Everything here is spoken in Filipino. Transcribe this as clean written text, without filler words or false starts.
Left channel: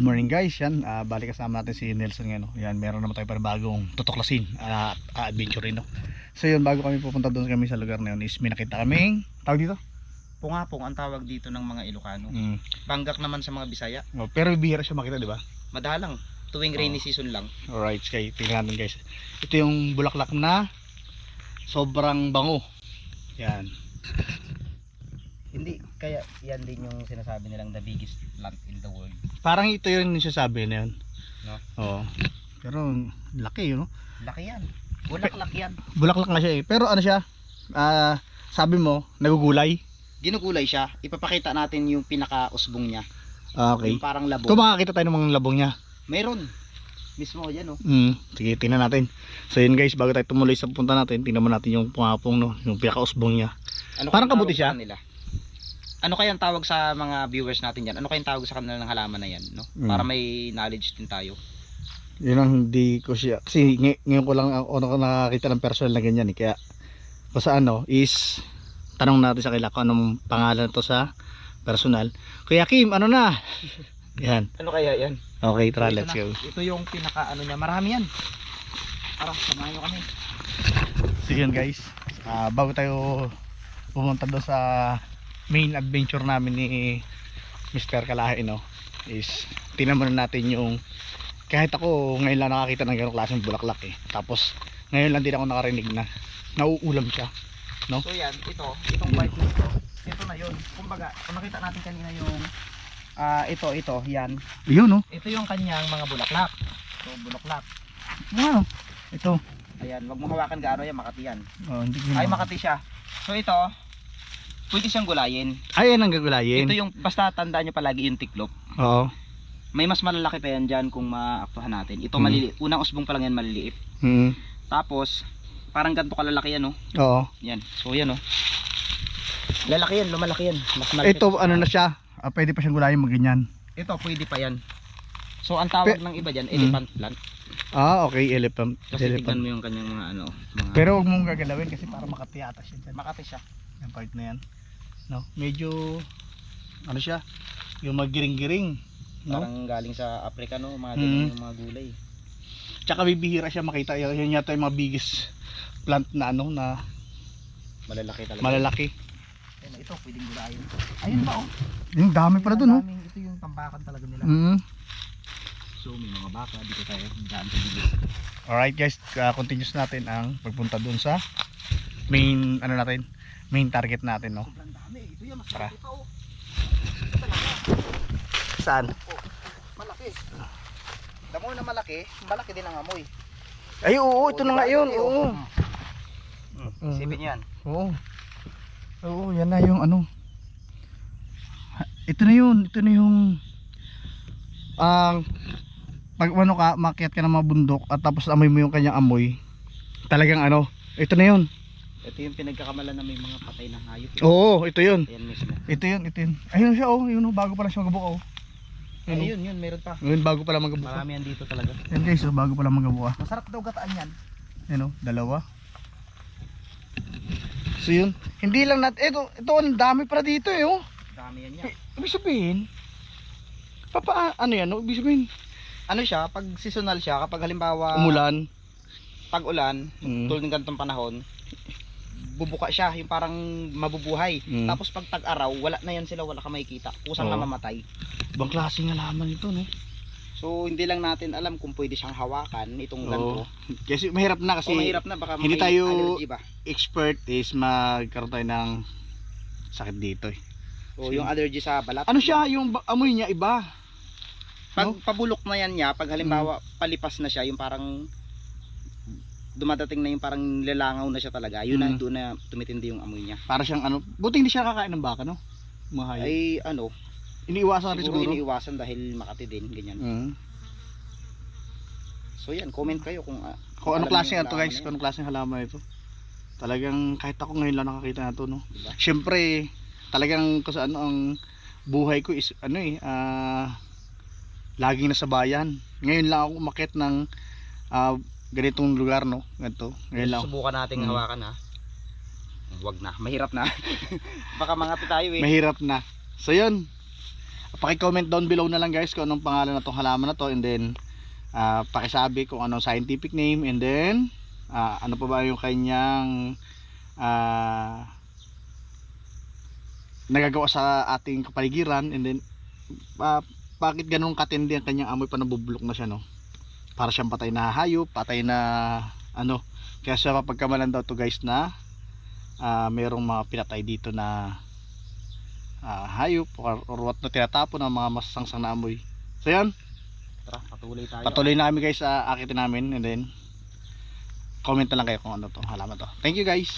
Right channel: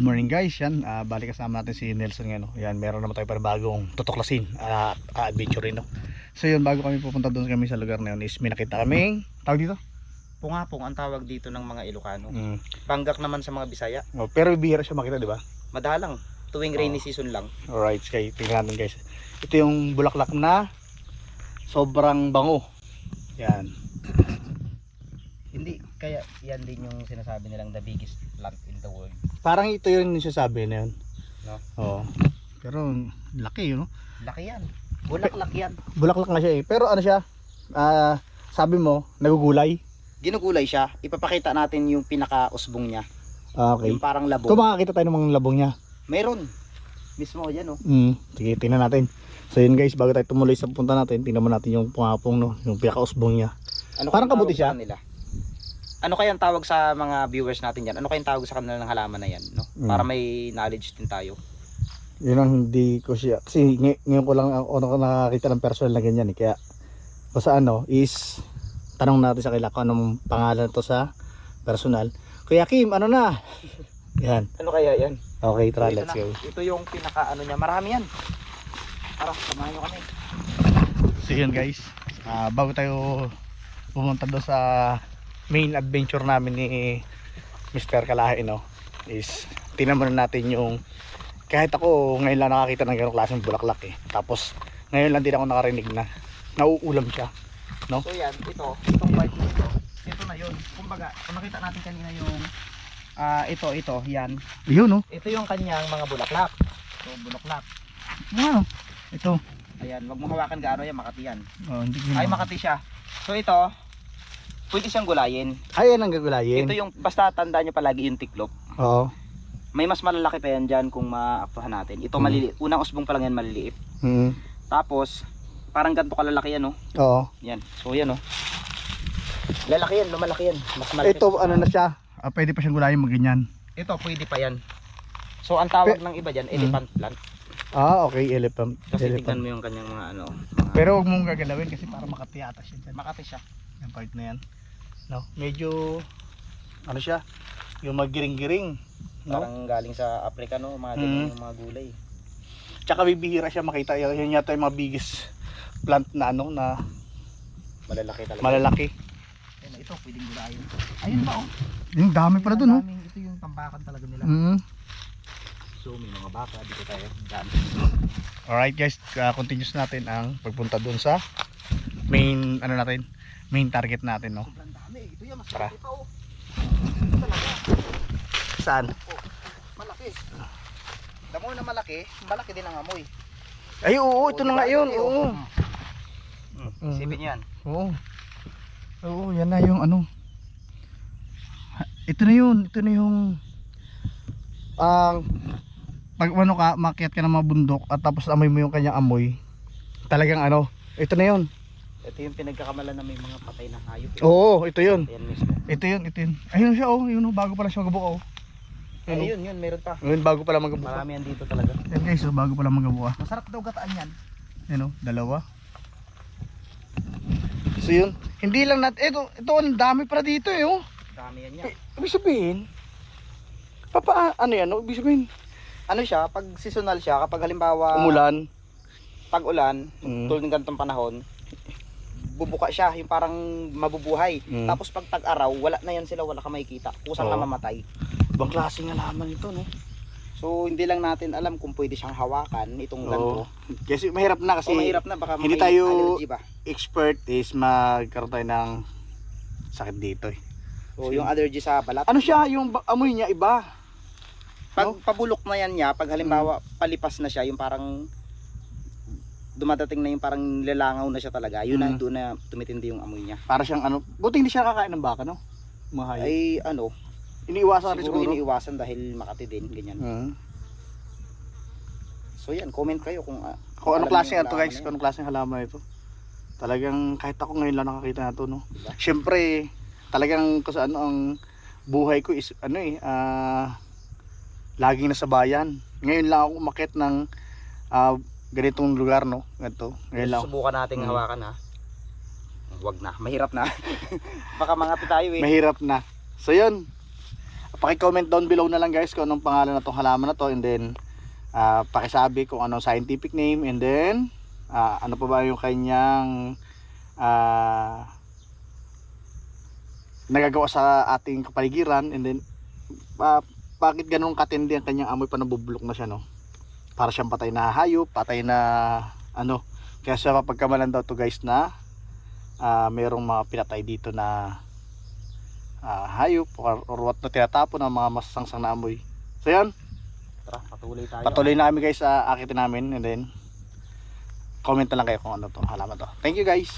Good morning guys, yan balik kasama natin si Nelson ngayon, no? Yan, meron naman tayo para bagong tutuklasin adventure rin, no? So yun, bago kami pupunta doon kami sa lugar na yun is may nakita kaming tawag dito? Pungapong ang tawag dito ng mga Ilocano. Banggak naman sa mga Bisaya. Pero bihira siya makita, di ba? Madalang, tuwing rainy season lang. Alright, kaya tingnan natin guys. Ito yung bulaklak na sobrang bango. Yan. Hindi, kaya yan din yung sinasabi nilang the biggest plant in the world. Parang ito yun yung sasabi na yun, no? Oo. Pero laki yun, no? Laki yan, bulaklak yan. Bulaklak na siya eh. Pero ano siya, sabi mo, nagugulay. Ginugulay siya, ipapakita natin yung pinaka-usbong niya. Okay. Yung parang labong. Ito makakita tayo ng mga labong niya. Meron, mismo yan, oh. Sige, tingnan natin. So yun guys, bago tayo tumuloy sa punta natin, tingnan mo natin yung pungapong, no? Yung pinaka-usbong niya. Ano parang kabuti siya. Ano kayang tawag sa mga viewers natin yan? Ano kayang tawag sa kanila ng halaman na yan, no? Para may knowledge din tayo. Yun ang hindi ko siya, kasi ngayon ko lang ako nakakita ng personal na ganyan eh. Kaya kung sa ano is tanong natin sa kila kung anong pangalan to sa personal. Kuya Kim, ano na? Yan. Ano kaya yan? Okay, tara, So, let's go. Ito yung pinaka ano niya, marami yan. Tara, samahan nyo kami. So yun guys, bago tayo pumunta doon sa main adventure namin ni Mr. Kalahi, no, is tingnan muna natin yung, kahit ako ngayon lang nakakita ng ganong klaseng bulaklak eh, tapos ngayon lang din ako nakarinig na nauulam siya, no? So yan, itong part nito, ito na yun. Kumbaga, kung nakita natin kanina yung ito, yan. Yun, no? Ito yung kanyang mga bulaklak. So, bulaklak. Wow. Ito. Ayan, wag mo hawakan gaano yan, makati yan. Oh, hindi Ay, makati siya. So ito, pwede siyang gulayin. Ay, yan ang gagulayin. Ito yung, basta tandaan nyo palagi yung tiklop. Oo. May mas malalaki pa yan dyan kung maaktuhan natin. Ito maliliit. Unang usbong pa lang yan maliliit. Tapos, parang ganito kalalaki yan, no? Oo. Yan. So yan, no? Lalaki yan, lumalaki yan. Mas malaki. Ito, ano na siya? Pwede pa siyang gulayin magganyan. Ito, pwede pa yan. So, ang tawag ng iba dyan, elephant plant. Okay, elephant. Kasi tignan mo yung kanyang mga ano. Mga... Pero huwag mong gagalawin kasi para makati ata siya dyan. Makati siya. Yung part na yan, no? Medyo ano siya, yung magiring-giring, no? Parang galing sa Africa, no? Mga ganyan yung mga gulay. Tsaka bibihira siya makita, yun yata yung mga biggest plant na ano, na Malalaki talaga. malalaki. Ayun, ito pwedeng gulayin. Ayun pa, oh. Yung dami pala dun, oh. Ito yung tambakan talaga nila. So may mga baka dito tayo. Alright guys, continuous natin ang pagpunta dun sa main, ano natin, main target natin, no? Sobrang dami. Ito yan, mas Tara. malaki pa, oh. Ito talaga. Saan? Oh, malaki. Damo na malaki din ang amoy. Ay, oo, ito na nga yun, oo. Isipin yan. Oo. Oo, yan na yung ano. Ito na yung pag ano ka, makiat ka ng mga bundok at tapos amoy mo yung kanyang amoy. Talagang ano, ito na yun. Ito yung pinagkakamalan na may mga patay na hayop. Oo, ito yun. Ayan mismo. Ito yun. Ayun siya, oh, yun, oh, bago pala siya magabuka, oh. Ayun, meron pa. Ayun, bago pala magabuka. Marami yan dito talaga. Yan guys, oh, bago pala magabuka. Masarap daw gataan yan. Ayun, oh, dalawa. So yun, hindi lang natin, ito ang dami pala dito, eh, oh. Dami yan yan. Ibig sabihin, ano yan, no? Ibig sabihin, Ano siya, pag seasonal siya, kapag halimbawa umulan. tag-ulan, tulad ng ganitong panahon, bubuka siya, yung parang mabubuhay. Tapos pag tag-araw, wala na yan sila, wala ka makikita. Kusang na mamatay. Ibang klase nga laman ito, no? So hindi lang natin alam kung pwede siyang hawakan itong ganito. Kasi mahirap na kasi Mahirap na, baka hindi may tayo allergy ba. expert is magkaroon tayo ng sakit dito, eh. O yung allergy sa balat. Ano siya, yung amoy niya iba. Pag pabulok na yan niya, pag halimbawa palipas na siya, yung parang dumadating na yung parang lalangaw na siya talaga, yun na doon na tumitindi yung amoy niya. Para siyang ano, buti hindi siya kakain ng baka, no? Mga hayop. Ay ano, Iniiwasan rin siguro siguro. iniiwasan dahil makati din, ganyan. So yan, comment kayo kung Kung ano alam klase niyo yung ito guys, halaman kung ano klase halaman ito. Talagang kahit ako ngayon lang nakakita na ito, no? Diba? Siyempre, talagang kung saan ang buhay ko is ano eh, laging nasa bayan. Ngayon lang ako umakyat ng ganitong lugar, no? Ganito. Ngayon lang. Subukan nating hawakan, ha. Wag na, mahirap na. Baka mangati tayo, eh. Mahirap na. So yun. paki-comment down below na lang guys kung anong pangalan na tong halaman na to, and then pakisabi kung anong scientific name, and then ano pa ba yung kanyang nagagawa sa ating kapaligiran, and then bakit ganun katindi ang kanyang amoy pa, nabubulok na siya, no? Para siyang patay na hayop, patay na ano. Kaya siya mapagkamalan daw to guys na mayroong mga pinatay dito na hayop or what na tinatapon ng mga masasangsang na amoy. So yan, Tara, patuloy tayo. patuloy na kami guys sa akitin namin, and then comment na lang kayo kung ano to halaman to. Thank you guys.